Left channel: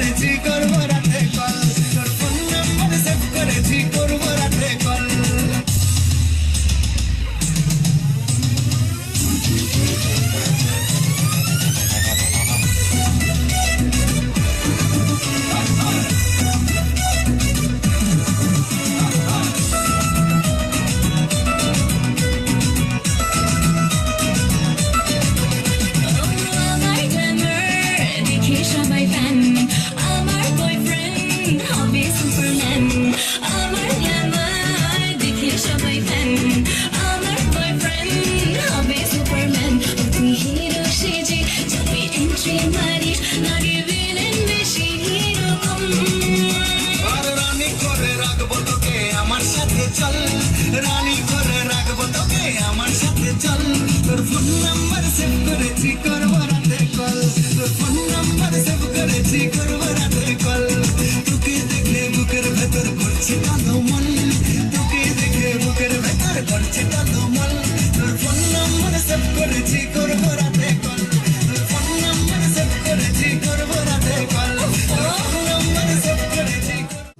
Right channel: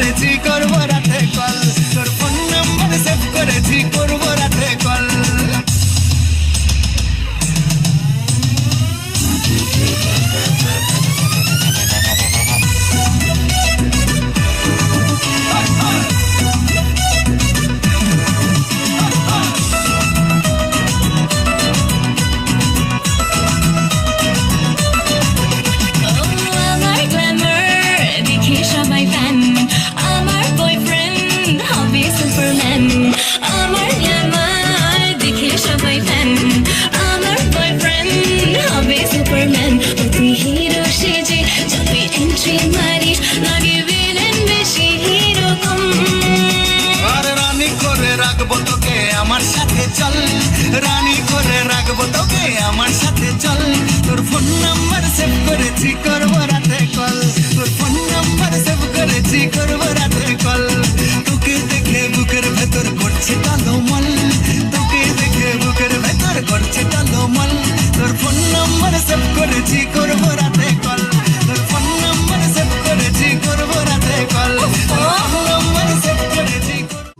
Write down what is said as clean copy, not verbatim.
করেছি করবো রাতে কল, তোর ফোন নাম্বার সেভ করেছি করবো রাতে কল। আমার সাথে চল রানী করে রাখবো তোকে আমার সাথে চল, তোর ফোন নাম্বার সেভ করেছি।